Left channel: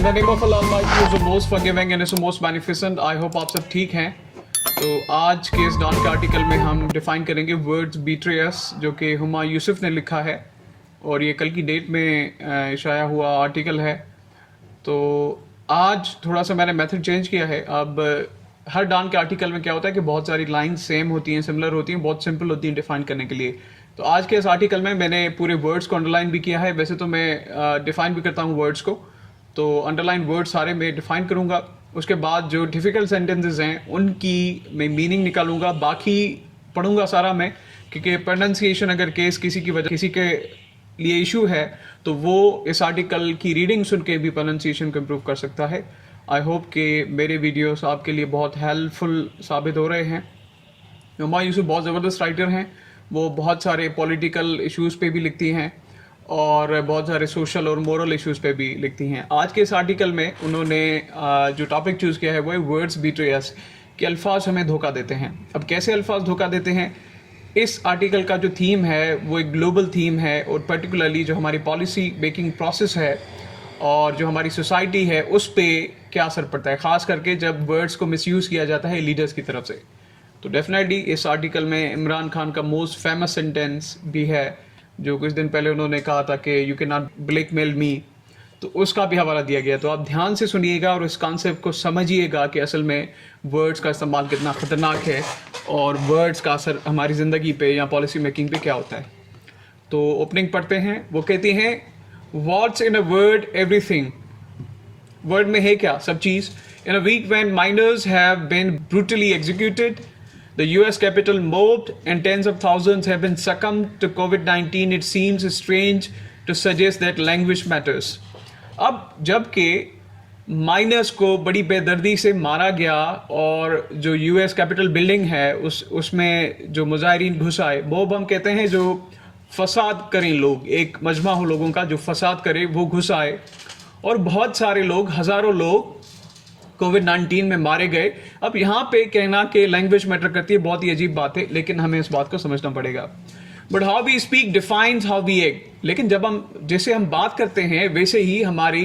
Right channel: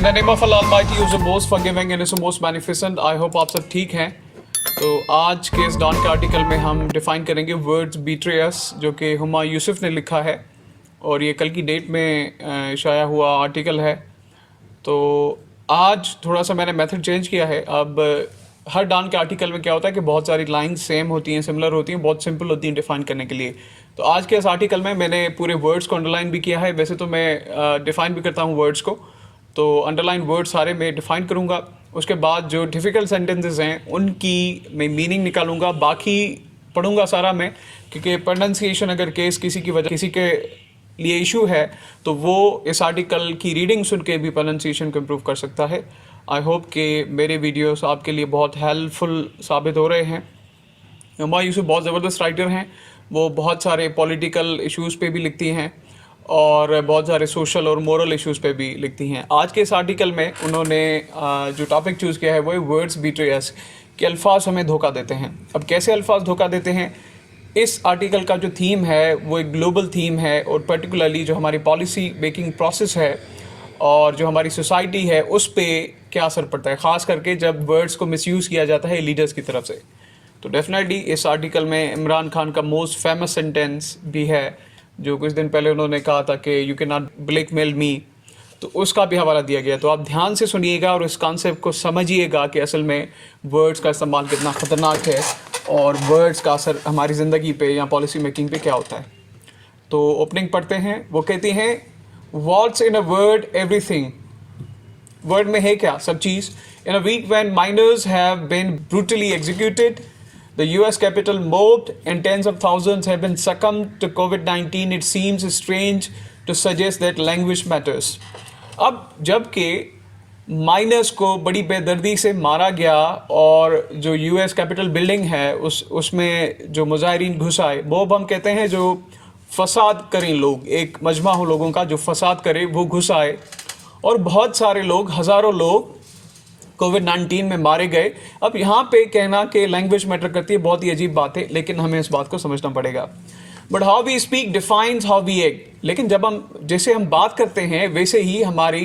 In the name of Allah Almighty, who is the most forgiving and is the most beneficent, I hope आप सब ठीक हैं। तो आज के इस डॉन के आर्टिकल में हम डिफ़ाइन करेंगे वर्ड्स बीट्रे अस, जो कि हुमा यूसुफ ने लिखा है और ये कल की डेट में शाया हुआ आर्टिकल है। तो आज थोड़ा सा मैंने मेथड चेंज किया है। अब हर डॉन के आर्टिकल में क्या होता है कि बहुत सारी लाइंस सेम होती हैं, सिमिलर होती हैं, बहुत सिंपल होती हैं डिफ़ाइन करने के लिए। तो आज के इस आर्टिकल में मैंने पूरे वर्ड्स को अंडरलाइन भी किया है। वैसे तो मैं डिफ़ाइन भी करता हूँ वर्ड्स को, तो अंडरलाइन वर्ड सारे मैं डिफ़ाइन करूँगा। उसके बाद जो डिफ़िकल्ट सेंटेंसेस हैं उनकी मैं मीनिंग निकालूंगा, बाकी पढ़ूंगा सारा मैं, क्योंकि प्रोनाउंसिएशन अगर किसी की वजह किसी के लिए इशू है तो वो इस आर्टिकल की रीडिंग सुन के भी प्रोनाउंसिएशन को इम्प्रूव कर सकता है। आई होप कि मेरे वीडियोस आपके लिए बहुत हेल्पफुल साबित हो रहे हैं। हुमा यूसुफ बहुत ज़बरदस्त राइटर हैं। वो बहुत सारे पॉलिटिकल इश्यूज़ पे भी लिखती हैं और बहुत सारे सोशल और मोरल इश्यूज़ पे भी लिखती हैं। आज के इस आर्टिकल में उन्होंने जो टॉपिक चूज़ किया है वो है वर्ड्स बीट्रे अस, कि अल्फाज हमें धोखा देते हैं। अब कैसे अल्फाज धोखा देते हैं, इस आर्टिकल का जो थीम है वो एक ग्लोबल थीम है और पर्टिकुलरली जो हमारी पॉलिसी मेकिंग प्रोसेस है और जो हमारी सोसाइटी है उस पर क्या असर पड़ता है, ख़ास करके जब वर्ड्स को मिसयूज़ किया जाता है लीडर्स की तरफ से। तो डेफिनेटली इस आर्टिकल में इमरान खान का मोस्ट फेमस सेंटेंस भी है, जो कुछ दिन पहले उन्होंने कहा था कि यू कैन नॉट ब्लैकमेल मी, तो उसका भी हवाला दिया गया। तो आप ध्यान से सुनिएगा और इस कॉन्सेप्ट को समझिएगा कि असल में वर्ड्स का इस्तेमाल कितना ख़तरनाक है और वर्ड्स का असर हमारी ज़िंदगी पे या पॉलिसी मेकिंग पे क्या होता है। तो ओपनिंग पढ़ते हैं। वो कहती हैं, what's in a word everything. Word में है क्या, सब चीज़। In a week when minors have been brutally executed, the US capital mobbed, and tens of thousands have been succumbed to COVID-19. It seems strange to suggest that language matters. अब जबकि miners को बड़ी बेदर्दी से मारा गया और जो US कैपिटल बिल्डिंग है उसमें जो मुजाहिरीन घुस आए, मोब हम कहते हैं जो फसाद करें लोग, एक मजमा हो लोगों का जो फसाद करे, वो घुस आए और बहुत सारे लोग, हज़ारों लोग कोविड-19 में मारे गए। अब यहाँ पे कहना कि लैंग्वेज मैटर करती है बहुत ही अजीब बात है, लेकिन हमें इस बात को समझना पड़ेगा। But how we speak defines how we act. लेकिन जब जैसे हम बात करते हैं वैसे ही हमारी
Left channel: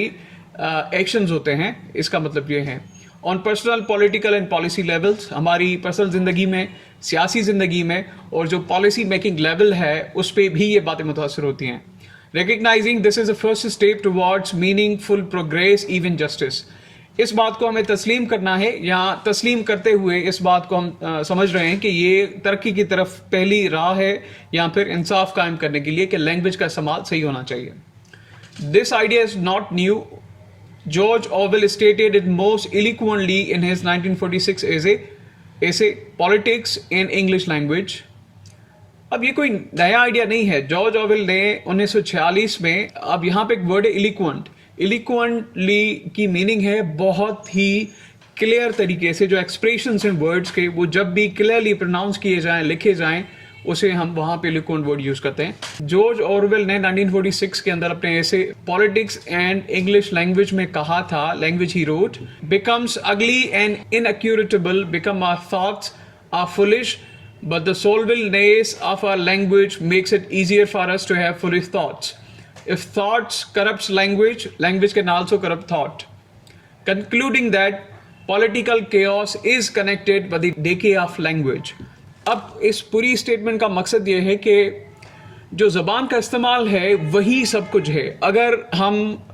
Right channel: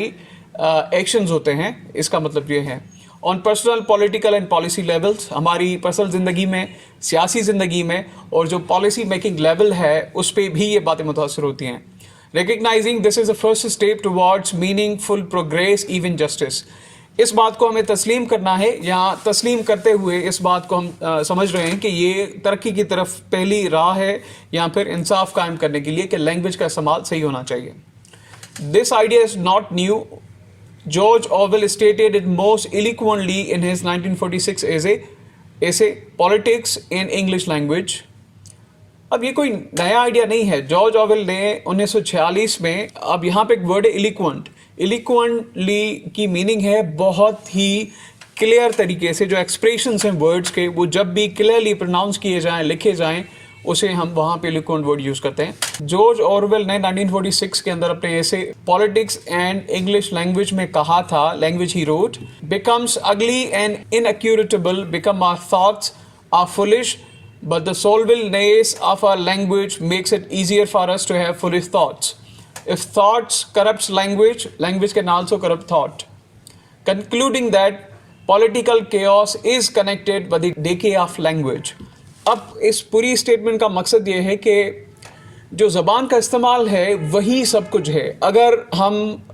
एक्शंस होते हैं। इसका मतलब ये है on personal, political and policy levels, हमारी पर्सनल ज़िंदगी में, सियासी ज़िंदगी में, और जो पॉलिसी मेकिंग लेवल है उस पर भी ये बातें मुतासर होती हैं। Recognising this is the first step towards meaningful progress, even justice. इस बात को हमें तस्लीम करना है, या तस्लीम करते हुए इस बात को हम समझ रहे हैं कि ये तरक्की की तरफ पहली राह है, या फिर इंसाफ कायम करने के लिए कि लैंग्वेज का इस्तेमाल सही होना चाहिए। This idea is not new. George Orwell stated it most eloquently in his 1946 essay politics in English language. अब ये कोई नया आइडिया नहीं है। जॉर्ज ऑरवेल ने 1946 में, अब यहाँ पे एक वर्ड है इलिक्वेंट। इलिक्वेंटली की मीनिंग है बहुत ही क्लियर तरीके से, जो एक्सप्रेशंस हैं वर्ड्स के, वो जब भी क्लियरली प्रोनाउंस किए जाएं, लिखे जाएं, उसे हम वहाँ पे इलिक्वेंट वर्ड यूज़ करते हैं। जॉर्ज ऑरवेल ने 1946 के अंदर अपने ऐसे पॉलिटिक्स एंड इंग्लिश लैंग्वेज में कहा था, language he wrote, becomes ugly and inaccurate, become our thoughts are foolish, but the solvableness of our language makes it easier for us to have foolish thoughts. If thoughts corrupts language, language can also corrupt thought. Concluding that political chaos is connected with the decay of language. अब इस पूरी statement का मकसद ये है कि जो ज़बान का इस्तेमाल है वही सब कुछ है। अगर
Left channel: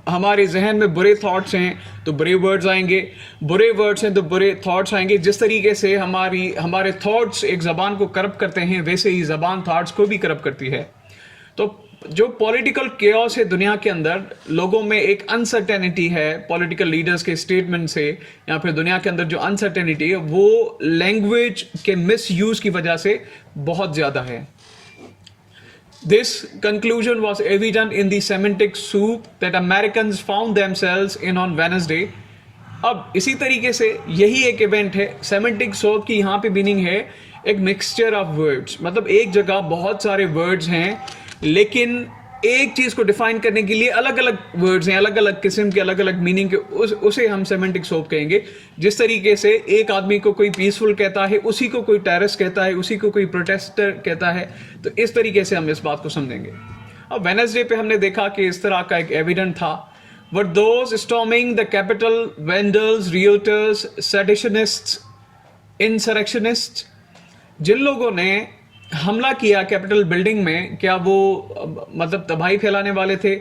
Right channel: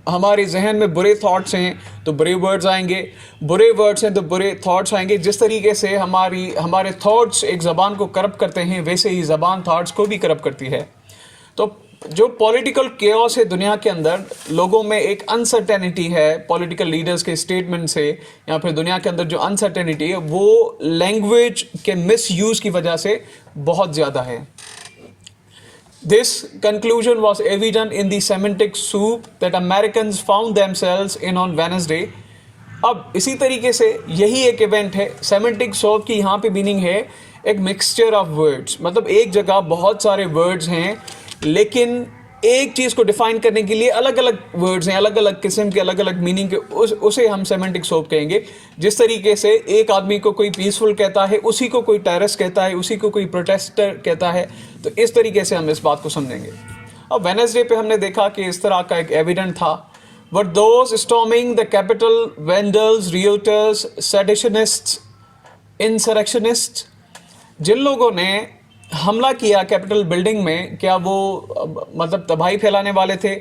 हमारे जहन में बुरे थॉट्स हैं तो बुरे वर्ड्स आएंगे, बुरे वर्ड्स हैं तो बुरे थॉट्स आएंगे। जिस तरीके से हमारे थॉट्स एक ज़बान को करप्ट करते हैं, वैसे ही ज़बान थॉट्स को भी करप्ट करती है। तो जो पॉलिटिकल केओस है दुनिया के अंदर, लोगों में एक अनसर्टेनिटी है पॉलिटिकल लीडर्स के स्टेटमेंट से, या फिर दुनिया के अंदर जो अनसर्टेनिटी है वो लैंग्वेज के मिसयूज़ की वजह से बहुत ज़्यादा है। This conclusion was evident in the semantic soup that Americans found themselves in on Wednesday. अब इसी तरीके से यही एक इवेंट है। सेमेंटिक सॉप की यहाँ पे मीनिंग है एक मिक्सचर ऑफ वर्ड्स, मतलब एक जगह बहुत सारे वर्ड्स हैं लेकिन एक चीज़ को डिफाइन करने के लिए अलग अलग वर्ड्स हैं, अलग अलग किस्म के, अलग अलग मीनिंग के, उसे हम सेमेंटिक सोप कहेंगे। जिस तरीके से एक आदमी को कोई पीसफुल कहता है, उसी को कोई टेररिस्ट कहता है, उसी को कोई प्रोटेस्टर कहता है, तो इस तरीके से हम इस बात को समझेंगे। अब वेडनेसडे पे हमने देखा कि इस तरह का एक एविडेंट था। were those storming the Capitol vandals, rioters, seditionists, insurrectionists. जिन लोगों ने हमला किया कैपिटल बिल्डिंग में, क्या वो मतलब तबाही फैलाने वाले थे?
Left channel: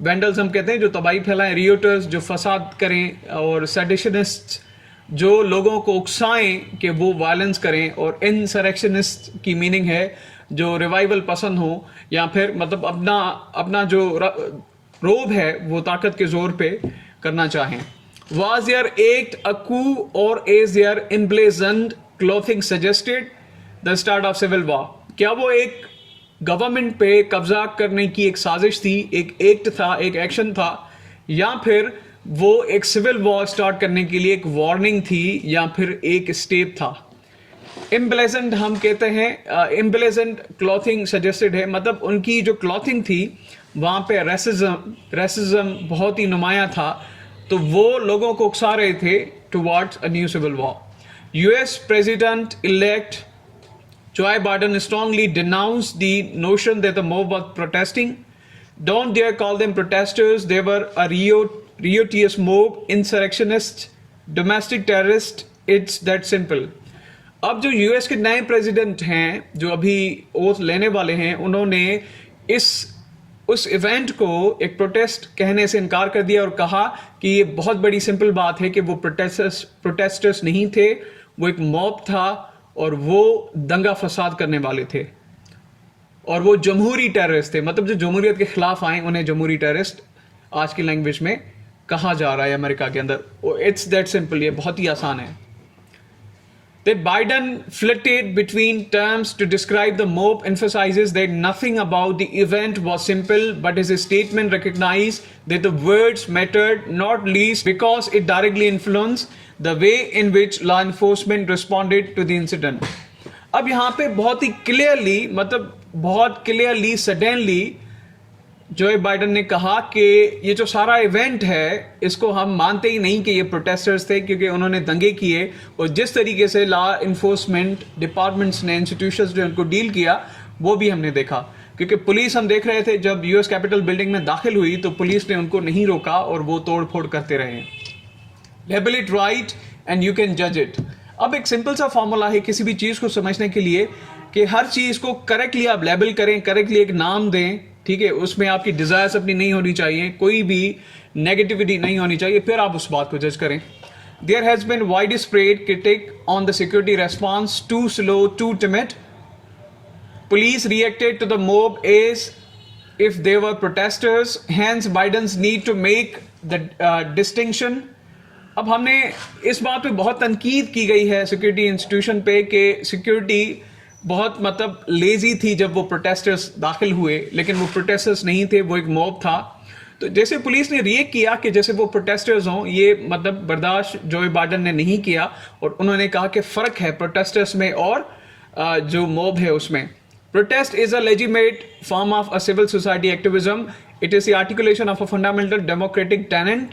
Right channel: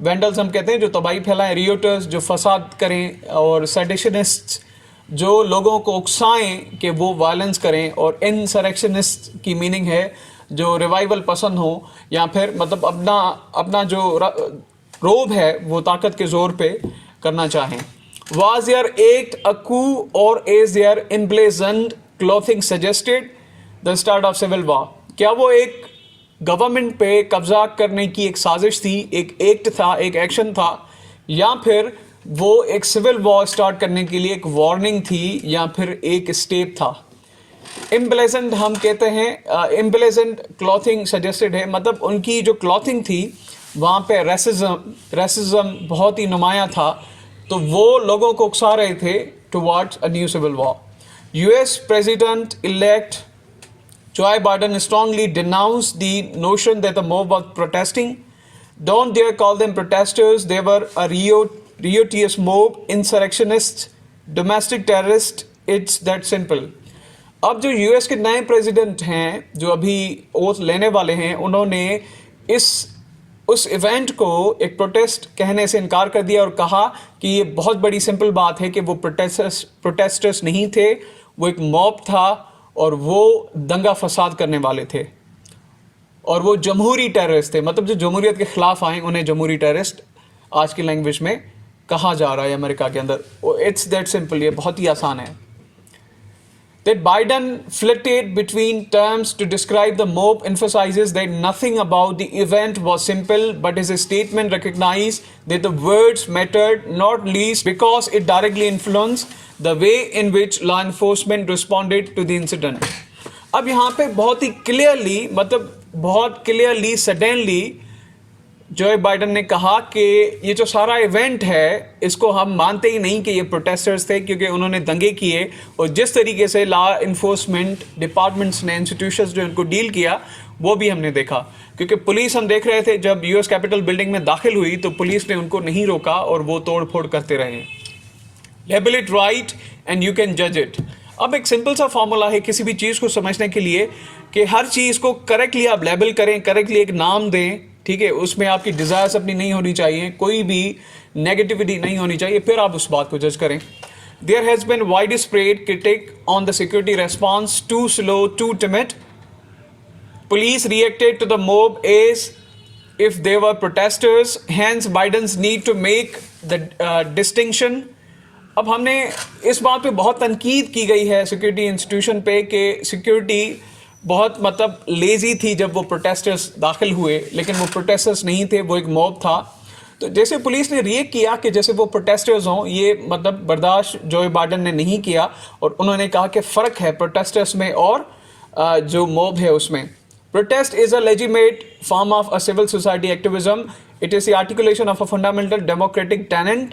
वेंडल्स हम कहते हैं जो तबाही फैलाएं, रियोटर्स जो फसाद करें, और सेडिशनिस्ट जो लोगों को उकसाएं कि वो वायलेंस करें, और इंसरेक्शनिस्ट की मीनिंग है जो रिवाइवल पसंद हो, या फिर मतलब अपना जो रोब है वो ताकत के जोर पे करना चाहें. Was their act a coup or is their emblazoned clothing suggested the start of civil war? क्या वो एक गवर्नमेंट पे कब्जा करने की एक साजिश थी, एक एक्ट था, एक एक्शन था, या फिर वो एक सिविल वॉर स्टार्ट करने के लिए एक वार्निंग थी, या फिर एक स्टेप था? एम्ब्लेजेंड हम कहते हैं, एम्ब्लेजेंड क्लॉथिंग सजेस्टेड है, मतलब उनकी जो क्लॉथिंग थी वहाँ पे रेसिज्म बहुत ही नुमाया था, तो वो लोगों को उकसा रहे थे towards a new civil war. US president elect Joe Biden strongly denounced the notion that the mob was protesting. Don't dare call them protesters. They were a riotous mob, insurrectionists, domestic terrorists. It's that simple. अब जो US के नए president हैं जो अभी oath लेने वाले हैं, उन्होंने उस इवेंट को एक प्रोटेस्ट कहने से इनकार कर दिया और कहा कि ये बहुत बड़ी सिंपल बात है कि वो प्रोटेस्टर्स नहीं थे, वो एक मॉब था और वो दंगा फसाद करने वाले थे, और वो जमहूरी टेररिस्ट थे. मतलब जो जमहूरियत के खिलाफ आए उन्हें जमहूरी टेररिस्ट आज की लैंग्वेज में कहा जा रहा है अमेरिका के अंदर. इट्स दैट सिंपल, ये बहुत ही आसान है. That Biden flitted between terms to describe the mob emphasizes that nothing about the event was simple, but his statement recognized that the words mattered, not least because it directly influenced the way in which law enforcement responded to the incident. अब यहाँ पे बहुत ही clearly, मतलब बहुत clearly, suddenly जो Biden ने कहा कि ये जो सारा इवेंट है इसको हम मानते ही नहीं कि ये प्रोटेस्टर्स थे, क्योंकि उन्होंने दंगे किए, और जिस तरीके से लॉ इन्फोर्समेंट डिपार्टमेंट्स ने, इंस्टीट्यूशंस ने उनको डील किया वो भी हमने देखा. क्योंकि पुलिस, हम देख रहे थे जब यूएस कैपिटल बिल्डिंग में दाखिल हुई तो पुलिस ने उनको नहीं रोका और वो तोड़ फोड़ करते रहे. Label it right and you can जज इट. अब एक सिंपल सा फॉर्मूला है किसी भी चीज़ को समझने के लिए कि हर चीज़ को करेक्टली आप लेबल करें, करेक्टली एक नाम दें, ठीक है, उसमें आपकी डिज़ायर्स अपनी नहीं होनी चाहिए, कोई भी नेगेटिविटी नहीं होनी चाहिए, फिर आप उस बात को जज करें. There has been wide spread critic on the security response, too slow, too timid. Police reacted to the mob as if they were protesters, hence Biden's need to make the distinction. अब हमने इस बात पे बहुत तनकीद की गई है सिक्योरिटी इंस्टीट्यूशन पे कि सिक्योरिटी बहुत मतलब लेजी थी जब वो प्रोटेस्टर्स दाखिल हुए, लेकिन वो प्रोटेस्टर्स नहीं थे, वो एक मॉब था. तो जैसे पुलिस ने रिएक्ट किया कि जैसे वो प्रोटेस्टर्स हों, ये मतलब बर्दाश्त जो बाइडन ने नहीं किया, और उन्होंने कहा कि फ़र्क है प्रोटेस्टर्स में और जो मॉब है उसमें. Protest is a legitimate form of a civil society activism. It is the articulation of a fundamental democratic tenet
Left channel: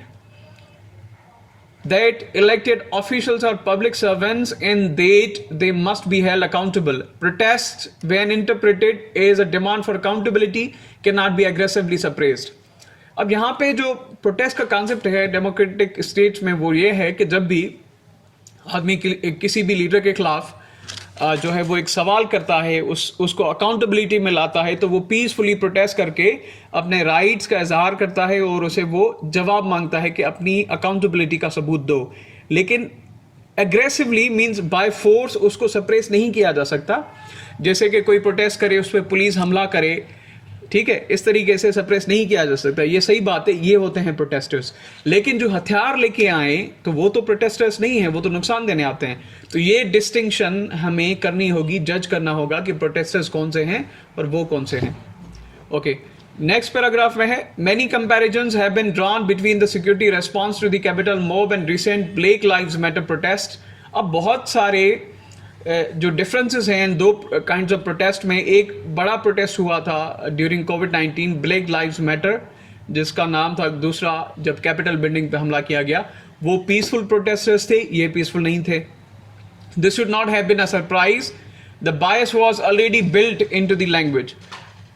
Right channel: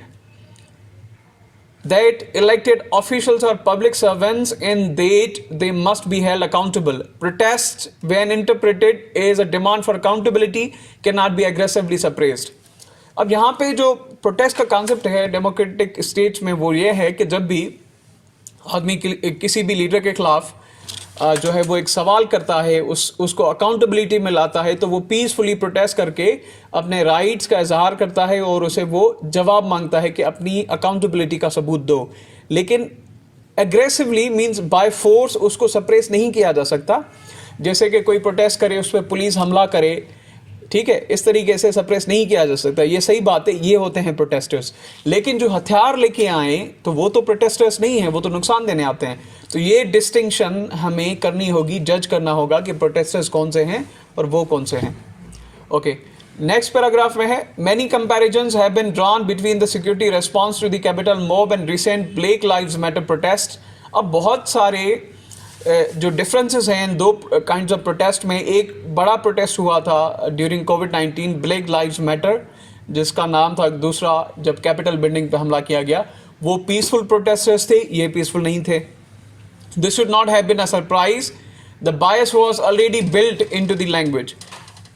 that elected officials are public servants and that they must be held accountable. Protest, when interpreted as a demand for accountability, cannot be aggressively suppressed. अब यहाँ पे जो protest का concept है democratic states में वो ये है कि जब भी आदमी किसी भी लीडर के खिलाफ जो है वो एक सवाल करता है, उसको अकाउंटेबिलिटी में लाता है, तो वो पीसफुली प्रोटेस्ट करके अपने राइट्स का इजहार करता है और उसे वो जवाब मांगता है कि अपनी अकाउंटेबिलिटी का सबूत दो. लेकिन एग्रेसिवली मींस बाय फोर्स उसको सप्रेस नहीं किया जा सकता. जैसे कि कोई प्रोटेस्ट करे, उस पर पुलिस हमला करे, ठीक है, इस तरीके से सप्रेस नहीं किया जा सकता. ये सही बात है, ये होते हैं प्रोटेस्टर्स. लेकिन जो हथियार लेके आए तो वो तो प्रोटेस्टर्स नहीं हैं, वो तो नुकसान देने आते हैं. तो ये डिस्टिंक्शन हमें करनी होगी, जज करना होगा कि प्रोटेस्टर्स कौन से हैं और वो कौन से हैं. ओके, नेक्स्ट पैराग्राफ में है, many comparisons have been drawn between the security response to the Capitol mob and recent Black Lives Matter protest. अब बहुत सारे जो डिफरेंसेस हैं इन दो काइंड्स ऑफ प्रोटेस्ट में. एक बड़ा प्रोटेस्ट हुआ था ड्यूरिंग कोविड-19, ब्लैक लाइव्स मैटर, जिसका नाम था. दूसरा जब कैपिटल बिल्डिंग पे हमला किया गया, वो पीसफुल प्रोटेस्टर्स थे, ये पीसफुल नहीं थे. This should not have been a surprise, the bias was already built into the language.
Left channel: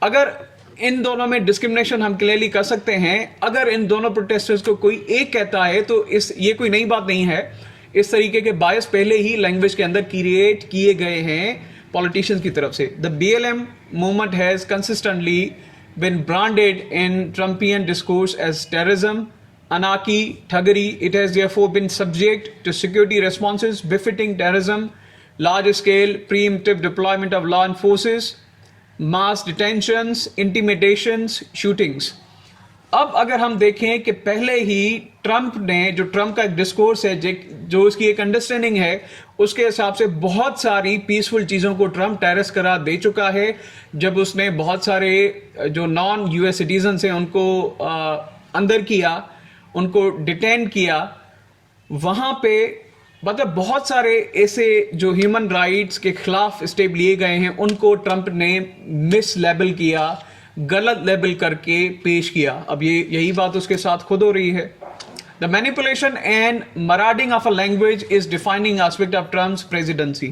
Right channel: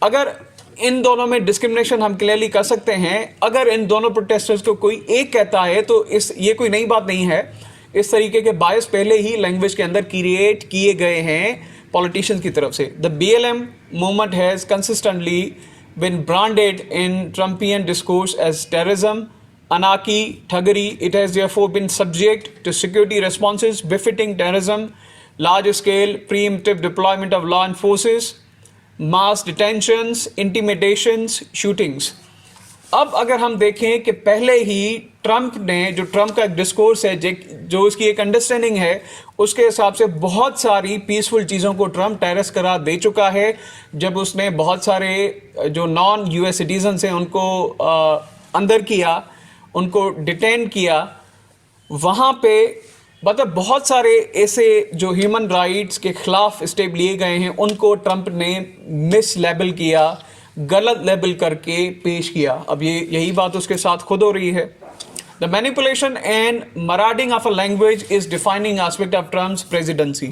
अगर इन दोनों में डिस्क्रिमिनेशन हम क्लियरली कर सकते हैं। अगर इन दोनों प्रोटेस्टर्स को कोई एक कहता है तो ये कोई नई बात नहीं है। इस तरीके के बायस पहले ही लैंग्वेज के अंदर क्रिएट किए गए हैं पॉलिटिशियंस की तरफ से। The BLM movement has consistently been branded in Trumpian discourse as terrorism, anarchy, thuggery. It has therefore been subject to security responses befitting terrorism, large-scale preemptive deployment of law enforcers, mass detentions, intimidations, shootings. अब अगर हम देखें कि पहले ही Trump ने, जो Trump का एक डिस्कोर्स है, जो उसकी एक अंडरस्टैंडिंग है, उसके हिसाब से बहुत सारी पीसफुल चीज़ों को ट्रंप टेररिस्ट करार दे चुका है। जब उसने बहुत सारे जो नॉन US सिटीजन्स हैं उनको अंदर किया, उनको डिटेन किया, वहाँ पे मतलब बहुत सारे ऐसे जो ह्यूमन राइट्स के खिलाफ स्टेप लिए गए हैं उनको ट्रंप ने मिस लेबल किया, गलत लेबल करके पेश किया। अब यही बात उसके साथ खुद हो रही है। The manipulation and marauding of a language is defining aspect of Trump's presidency.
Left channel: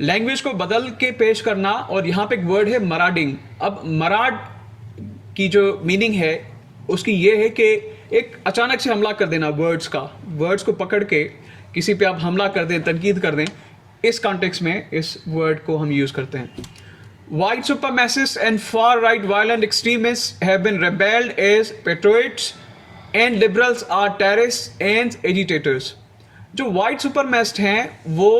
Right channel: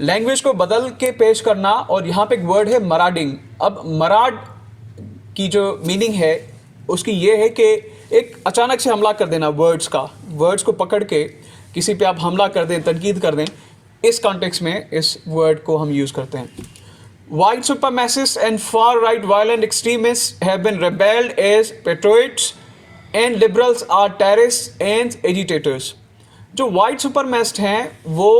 Language को बदल के पेश करना, और यहाँ पे एक वर्ड है मराडिंग। अब मराड की जो मीनिंग है उसकी ये है कि एक अचानक से हमला कर देना, वर्ड्स को पकड़ के किसी पे आप हमला कर दें, तनकीद कर दें। इस कॉन्टेक्स्ट में इस वर्ड को हम यूज़ करते हैं। White supremacists and far-right violent extremists have been rebelled as patriots and liberals are terrorists and agitators. जो white supremacist हैं वो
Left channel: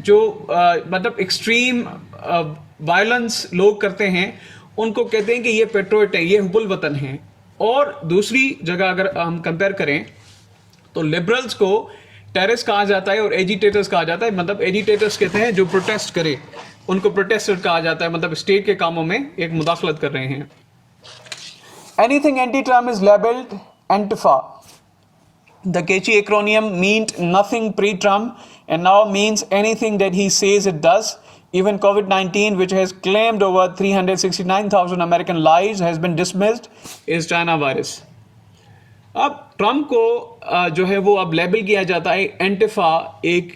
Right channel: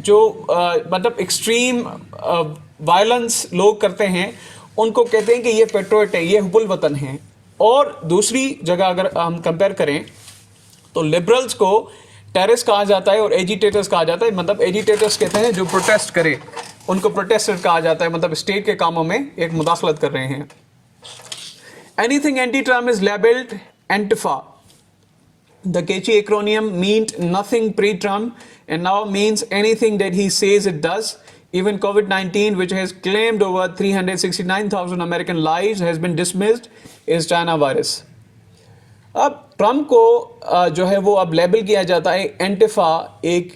जो मतलब एक्सट्रीम वायलेंस लोग करते हैं उनको कहते हैं कि ये पेट्रोइट हैं, ये हुब्बुल वतन हैं। और दूसरी जगह अगर हम कंपेयर करें तो लिबरल्स को टेररिस्ट कहा जाता है और एजिटेटर्स कहा जाता है। मतलब एजिटेटर्स कहते हैं जो प्रोटेस्ट करे, उनको प्रोटेस्टर कहा जाता है, मतलब स्टेट के कामों में एक मुदाखलत कर रहे हैं। Anything anti Trump is labelled antifa. The catchy acronym meant nothing pre Trump and now means anything that he says it does. Even COVID-19, which has claimed over 369,000 American lives, has been dismissed as China virus. अब Trump को जो है वो अब label किया जाता है Antifa, एक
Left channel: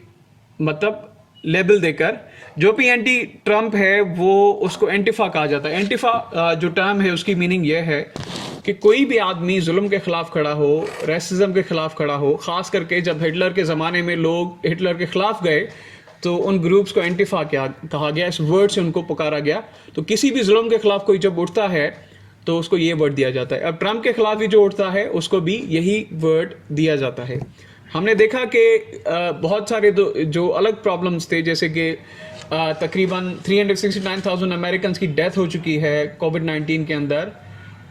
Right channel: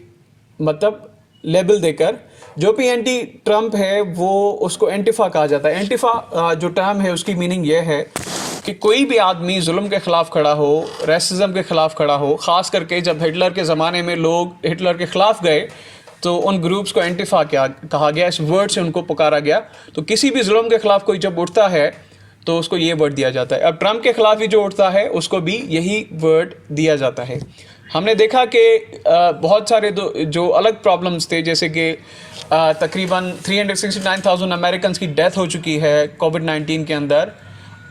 मतलब लेबल देकर। जो भी एंटी ट्रम्प है वो उसको एंटिफा कहा जाता है। एंटिफा जो टर्म है उसकी मीनिंग ये है कि कोई भी आदमी जुल्म के ख़िलाफ़ खड़ा हो, रेसिज्म के ख़िलाफ़ खड़ा हो। ख़ास करके जब हिटलर के ज़माने में लोग हिटलर के ख़िलाफ़ गए तो उन ग्रुप्स को एंटिफा कहा गया, इस वर्ड से उनको पुकारा गया। तो किसी भी जुल्म के ख़िलाफ़ कोई जब उठता है तो उसको ये वर्ड दिया जाता है। अब ट्रम्प के ख़िलाफ़ भी जो उठता है उसको भी यही वर्ड दिया जाता है। हमने देखा कि बहुत सारे जो अलग प्रॉब्लम्स थे, जैसे कि तकरीबन 369,000 अमेरिकन की डेथ हो चुकी है कोविड-19 के अंदर,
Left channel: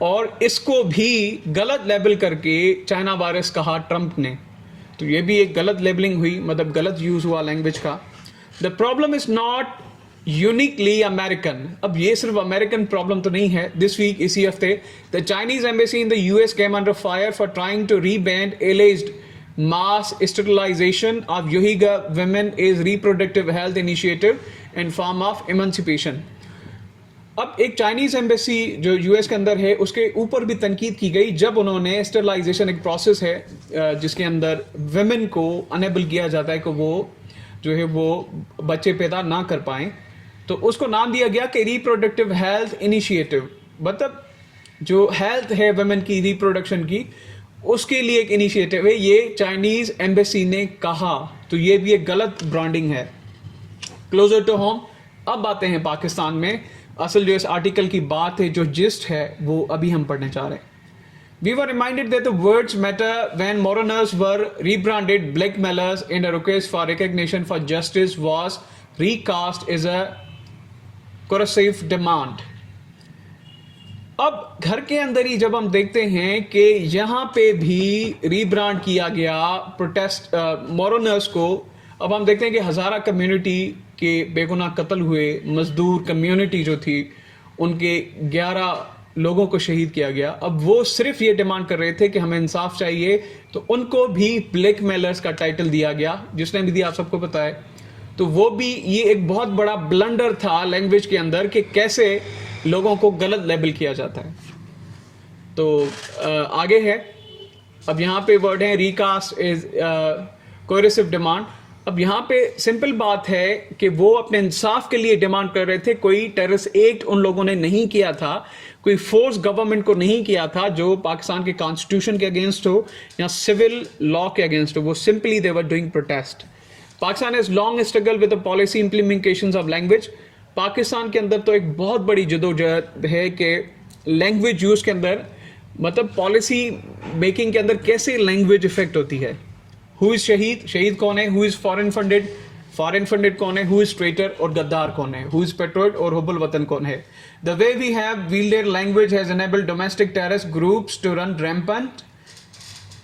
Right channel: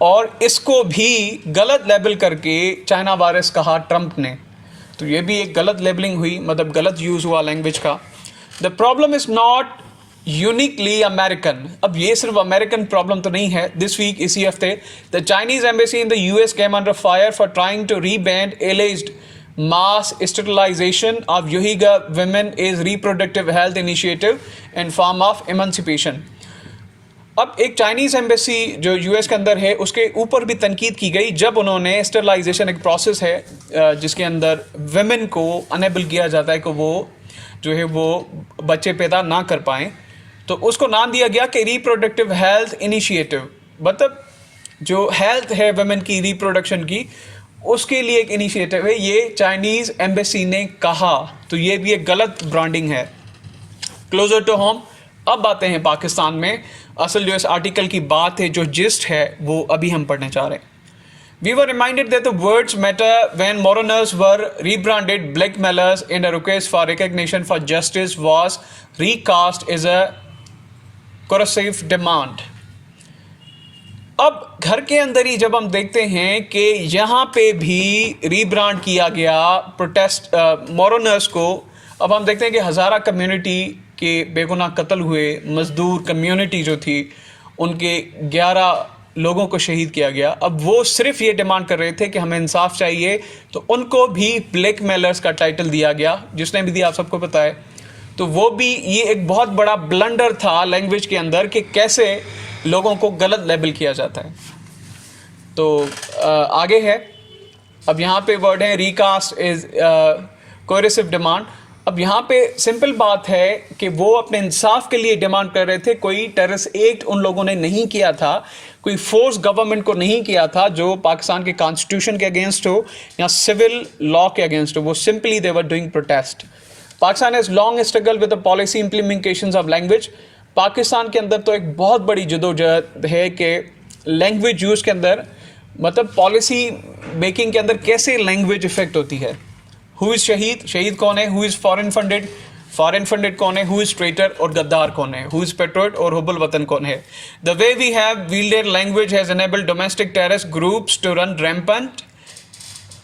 और इसको भी गलत लेबल करके चाइना वायरस कहा ट्रम्प ने। तो ये भी एक गलत लेबलिंग हुई, मतलब गलत यूज़ हुआ लैंग्वेज का। The problem is not uniquely American. अब ये सिर्फ अमेरिकन प्रॉब्लम तो नहीं है। दिस वीक, इसी हफ्ते, the Chinese embassy in the US came under fire for trying to rebrand alleged mass sterilization of Uyghur women is reproductive health initiative and form of emancipation. अब एक Chinese embassy जो US के अंदर है उसके ऊपर भी तनकीद की गई जब उन्होंने स्टेरिलाइजेशन, एक प्रोसेस है जिसके अंदर वेमेन को अनेबल किया जाता है कि वो जो है वो बच्चे पैदा ना कर पाएँ, तो उसको नाम दिया गया कि रिप्रोडक्टिव हेल्थ इनिशिएटिव। मतलब जो हेल्थ है वेमेन की, रिप्रोडक्शन की, उसके लिए एक इनिशिएटिव है, ये चाइनीज़ एम्बेसी ने कहा। तो ये भी एक गलत ब्रांडिंग है। क्लोजर टू होम, अब आते हैं पाकिस्तान में। असल जो इस आर्टिकल की बात है, जो जिस्ट है, वो अभी हम पढ़ने चाह रहे हैं। We were reminded that the words matter when mourners were rebranded blackmailers in a request for recognition for justice was recast as a coercive demand. अब घर के अंदर ही जब हम देखते हैं कि यहाँ पे भी रीब्रांड किया गया प्रोटेस्ट मोरनर्स को, अब हम देखते हैं कि हज़ारा कम्युनिटी के बेगुनाह कत्ल हुए, मज़दूर कम्युनिटी जो थी उनके 11 लोगों को शहीद किया गया। अब वो सिर्फ ये डिमांड कर रहे थे कि हमें इंसाफ चाहिए, तो उनको भी ब्लैक मेलर्स का टाइटल दिया गया, जिसने भी दिया आप सबको पता है। तो वो भी ये एक बहुत बड़ा ब्लंडर था लैंग्वेज के अंदर कि कैसे लोगों को गलत लेबल किया जाता है। तो आगे है, अब यहाँ पे वर्ड है रिकास्ट इज कोरेसिव डिमांड। अब यहाँ पे सिंपल बात है कि वो अपने इंसाफ के लिए डिमांड कर रहे थे। कोई टेररिस्ट एक्ट उन लोगों ने नहीं किया था, कोई फोर्स गवर्नमेंट को नहीं किया था जो पाकिस्तान के कॉन्स्टिट्यूशन के अगेंस्ट हो या सिविल लॉ के अगेंस्ट हो। वो simply they were doing protest. Pakistan has long struggle with the policy implementation of language. Pakistan के अंदर तो एक बहुत बड़ी जदोजहद है कि लैंग्वेज यूज़ के अंदर, मतलब पॉलिसी मेकिंग के अंदर कैसे लैंग्वेज इफेक्ट होती है। हु इज़ शहीद, शहीद कौन है, who is foreign funded, foreign funded कौन है, हु इज़ ट्रेटर और गद्दार कौन है, हु इज़ पेट्रोट और हुबल वतन कौन है। The way we have wielded language has enabled domestic terrorist groups to run rampant,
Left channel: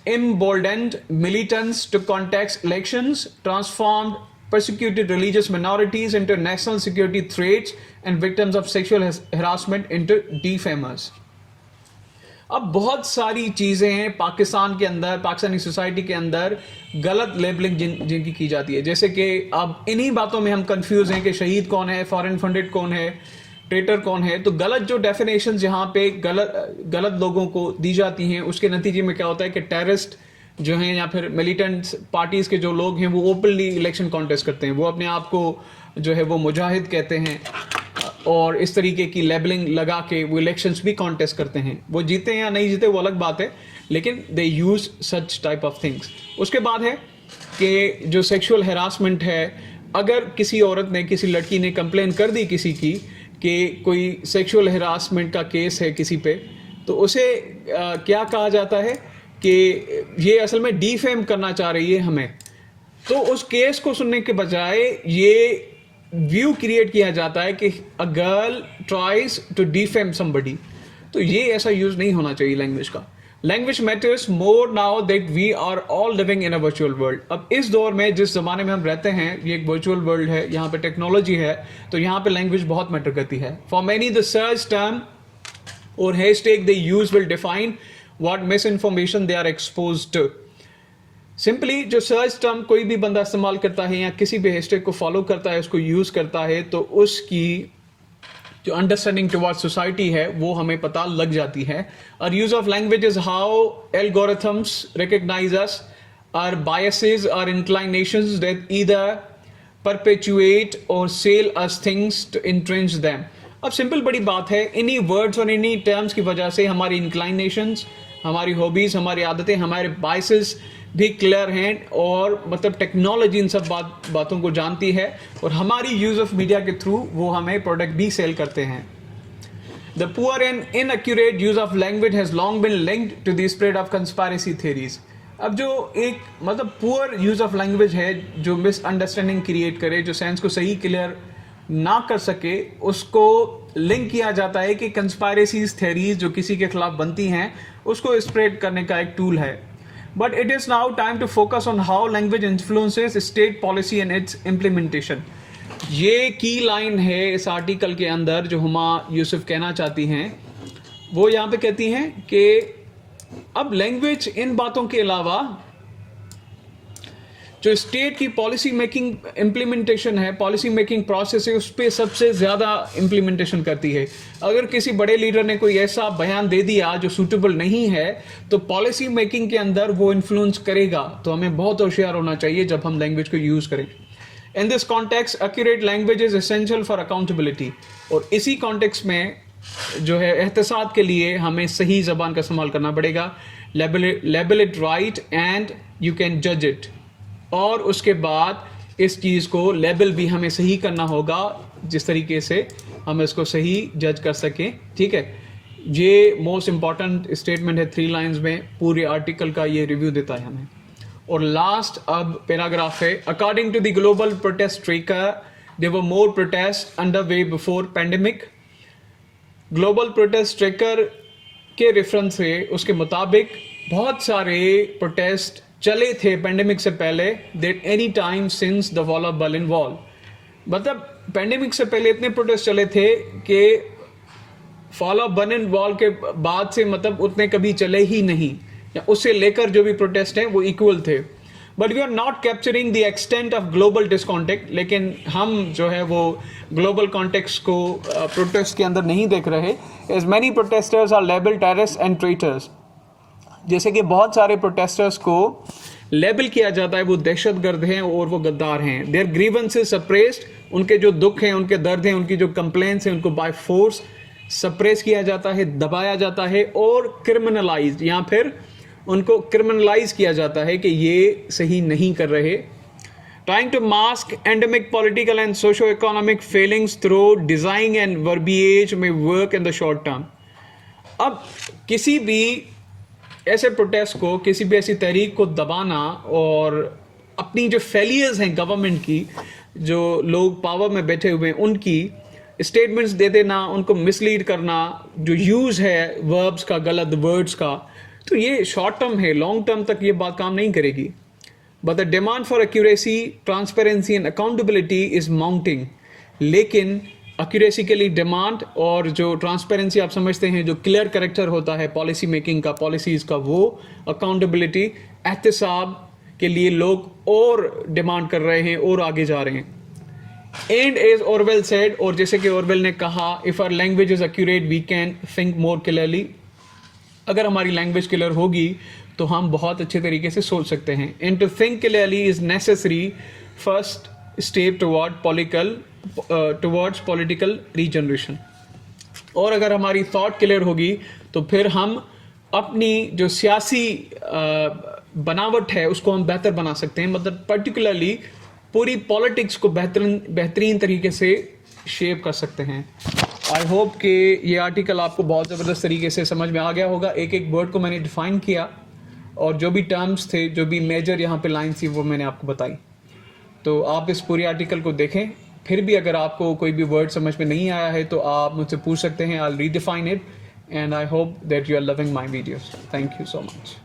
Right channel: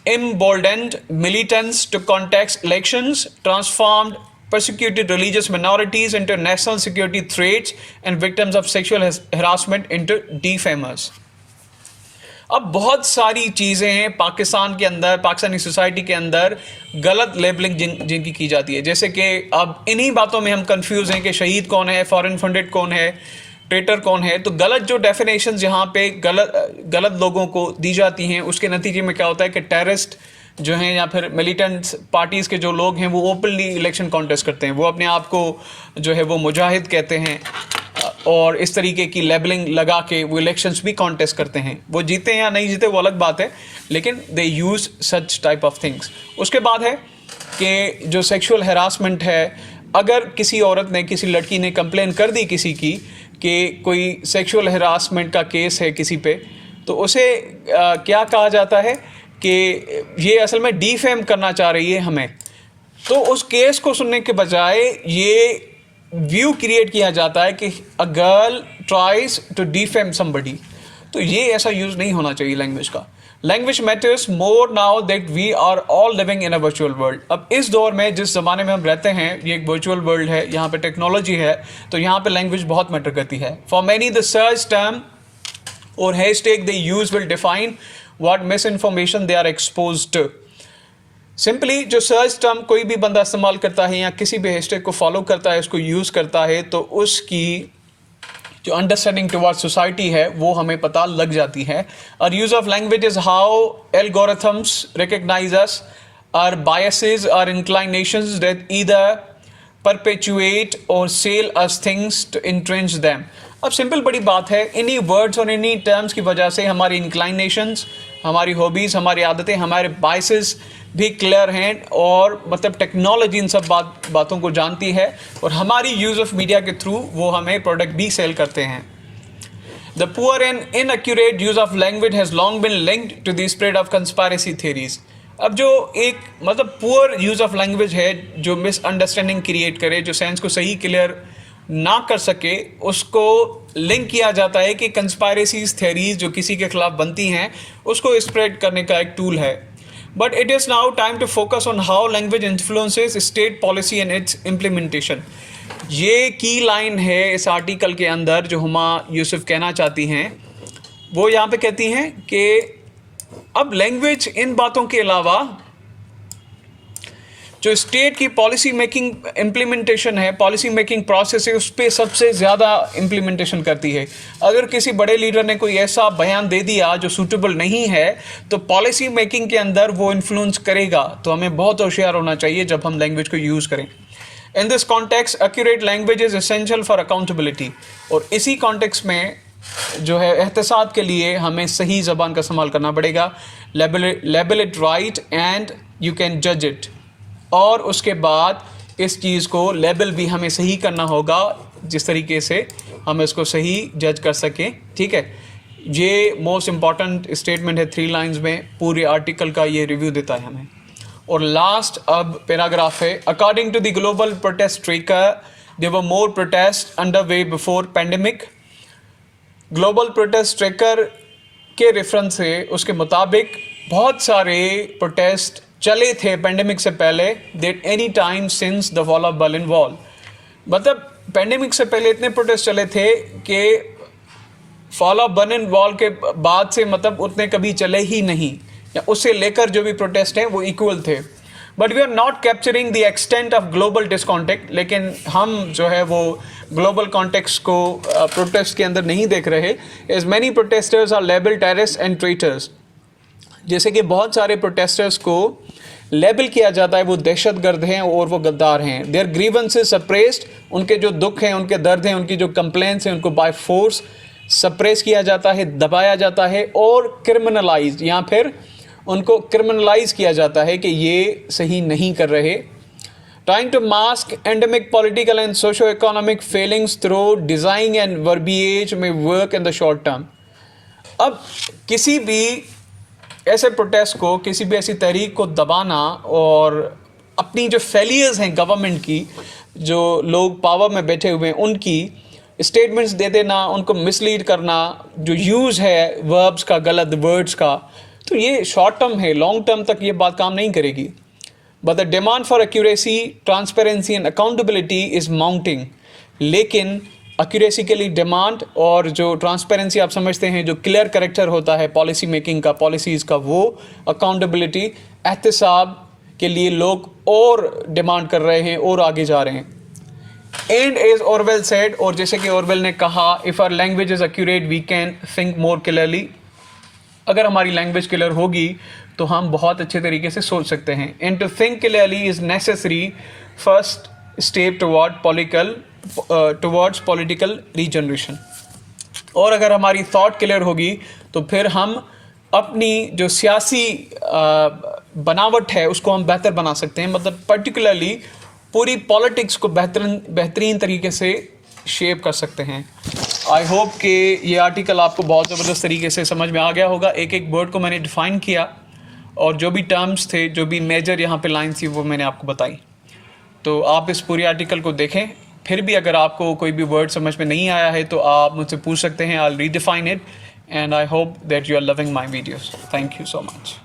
emboldened militants to contest elections, transformed persecuted religious minorities into national security threats, and victims of sexual harassment into defamers. अब बहुत सारी चीज़ें हैं पाकिस्तान के अंदर, Pakistani society के अंदर गलत लेबलिंग जिनकी की जाती है। जैसे कि अब इन्हीं बातों में हम कंफ्यूज हैं कि शहीद कौन है, फॉरेन फंडेड कौन है, ट्रेटर कौन है। तो गलत जो डेफिनेशन यहाँ पे गलत लोगों को दी जाती हैं, उसके नतीजे में क्या होता है कि टेररिस्ट जो हैं या फिर मिलिटेंट पार्टीज़ के जो लोग हैं वो ओपनली इलेक्शन कॉन्टेस्ट करते हैं। वो अपने आप को जो है वो मुजाहिद कहते हैं और इस तरीके की लेबलिंग लगा के वो इलेक्शंस भी कॉन्टेस्ट करते हैं। वो जीते या नहीं जीते वो अलग बात है, लेकिन they use such type of things. उसके बाद है कि जो सेक्सुअल हरासमेंट है, अगर किसी औरत ने, किसी लड़की ने कंप्लेन कर दी किसी की कि कोई सेक्सुअल हरासमेंट का केस है किसी पे, तो उसे क्या कहा जाता है कि ये असल में डिफेम करना चाह रही है हमें। तो उस केस को सुनने के बजाय ये व्यू क्रिएट किया जाता है कि a girl tries to defame somebody. तो ये ऐसा यूज़ नहीं होना चाहिए लैंग्वेज का। Language matters more now that we are all living in a virtual world. अब इस दौर में, जिस ज़माने में हम रहते हैं, ये एक वर्चुअल वर्ल्ड है, यहाँ पे टेक्नोलॉजी है, तो यहाँ पे लैंग्वेज बहुत मैटर करती है। For many the search term or hashtag they use will define what misinformation they are exposed to. Simply जो सर्च टर्म कोई भी बंदा इस्तेमाल करता है या किसी भी हैशटैग को फॉलो करता है, उसको यूज़ करता है, तो उसकी जो अंडरस्टैंडिंग टुवर्ड सोसाइटी है वो हमें पता लग जाती है। और use of language is how algorithms recognise us, our biases, our inclinations that either perpetuate or sell us things to entrench them. अब सिंपल बड़ी बात है, इन्हीं वर्ड्स और इन्हीं टर्म्स की वजह से हमारी इंक्लाइनेशंस, हमारी हॉबीज़, हमारी आदतें, हमारे बायसेस भी क्लियर हैं और मतलब टेक्नोलॉजी इन सब बातों को जानती है और हमारी यूज़ ऑफ मीडिया के थ्रू वो हमें प्रोडक्ट भी सेल करते हैं। The poor and inaccurate use of language has long been linked to the spread of conspiracy theories. अब जो एक मतलब पुअर यूज़ ऑफ लैंग्वेज है, जो मिसअंडरस्टैंडिंग क्रिएट करे, जो सेंस को सही क्लियर ना कर सके, उसको लिंक किया जाता है कि कंस्पायरेसीज थ्योरीज जो किसी के खिलाफ बनती हैं उसको स्प्रेड करने का एक टूल है। But it is now time to focus on how language influences state policy and its implementation. ये की लाइन है इस आर्टिकल के अंदर जो हुमा यूसुफ कहना चाहती हैं। वो यहाँ पे कहती हैं कि अब लैंग्वेज इन बातों के अलावा जो स्टेट की पॉलिसी मेकिंग इम्प्लीमेंटेशन है, पॉलिसी मेकिंग प्रोसेस है, उस पर सबसे ज़्यादा इम्प्लीमेंटेशन करती है। अगर किसी बड़े लीडर ने कोई ऐसा बयान दे दिया जो सूटेबल नहीं है, तो पॉलिसी मेकिंग के अंदर वो इन्फ्लुएंस करेगा। तो हमें बहुत होशियार होना चाहिए जब हम लैंग्वेज को यूज़ करें। In this context accurate language is essential for accountability. और इसी कॉन्टेक्स्ट में जो है एहतसाब के लिए हमें सही ज़बान का इस्तेमाल करना पड़ेगा। Label it right and you can जज इट। और उसके बाद इस चीज़ को लेबल भी हमें सही करना होगा जिस तरीके से हम इसको सही जज कर सकें। ठीक है, ये मोस्ट इम्पॉर्टेंट स्टेटमेंट है 3 लाइंस में, पूरे आर्टिकल का ये रिव्यू देता है हमें। और लास्ट अब पैराग्राफ है, according to the global protest tracker there were more protest under way before pandemic. Global protest tracker के रेफरेंस से उसके मुताबिक बहुत सारे प्रोटेस्ट चले थे पेंडेमिक से पहले, that any time since the fall of Berlin wall. मतलब पेंडेमिक से पहले इतने प्रोटेस्ट चले थे कि फॉल ऑफ बर्लिन वॉल के बाद से मतलब उतने कभी चले ही नहीं, या उससे लेकर जो भी प्रोटेस्ट हैं वो इक्वल थे। But we are not capturing the extent of global discontent. लेकिन हम जो है वो ग्लोबल कॉन्टेक्स्ट को प्रोटेस्ट के अंदर नहीं देख रहे। As many protesters are label terrorist and traitors. जैसे कि बहुत सारे प्रोटेस्टर्स को लेबल किया जाता है वो दहशतगर्द हैं और वो गद्दार हैं। देयर ग्रीवेंसेस सप्रेस्ड, उनके जो दुख हैं, उनके दर्द हैं, उनकी जो कंप्लेंट्स हैं, उनको बाय फोर्स सप्रेस किया जाता है, दबाया जाता है और क्रिमिनलाइज या फिर उनको क्रिमिनलाइज किया जाता है कि ये सही नहीं कर रहे। Trying to mask endemic political and socio economic failings through design and verbiage may work in the short term. अब किसी भी ऐसे प्रोटेस्ट को, किसी भी ऐसी तहरीक को दबाना और अपनी जो फेलियर्स हैं गवर्नमेंट की, जो लोग पावर में बैठे हुए हैं उनकी स्टेटमेंट्स दे देना, उनको मिसलीड करना, जो यूज़ है वर्ब्स का, गलत वर्ड्स का, तो ये शॉर्ट टर्म है। लॉन्ग टर्म तक ये बात काम नहीं करेगी। But the demand for accuracy, transparency and accountability is mounting. लेकिन एक्यूरेसी के लिए डिमांड और जो ट्रांसपेरेंसी आप समझते हैं, जो क्लियर करेक्टर होता है पॉलिसी मेकिंग का, पॉलिसीज़ का, वो अकाउंटेबिलिटी, एहतसाब के लिए लोग और डिमांड कर रहे हैं और आगे जा रहे हैं। एंड एज ऑरवेल सेड, और जैसे कि ऑरवेल ने कहा, if our language is accurate we can think more clearly. अगर हमारी लैंग्वेज क्लियर होगी तो हम बहुत अच्छे तरीके से सोच सकते हैं। And to think clearly is necessary first step towards political regeneration. और अगर हमारी थॉट क्लियर होगी तो फिर हम अपनी जो सियासी बनावट है उसको हम बेहतर बना सकते हैं। मतलब पर्टिकुलरली पूरी पॉलिटिक्स को बेहतरीन तरीके से शेप कर सकते हैं। आई होप कि ये आर्टिकल आपको बहुत ज़बरदस्त तरीके से समझ में आ गया होगा। एक एक वर्ड को मैंने डिफ़ाइन किया और जो भी टर्म्स थे, जो भी मेजर यहाँ पे लाइन्स थी, वो मैंने आपको बताई। तो आप इस पूरी आर्टिकल को देखें। फिर भी अगर आपको कोई भी वर्ड समझ में नहीं आया है तो आप मुझसे पूछ सकते हैं। I will redefine it and I hope that you are loving my videos. Thank you so much.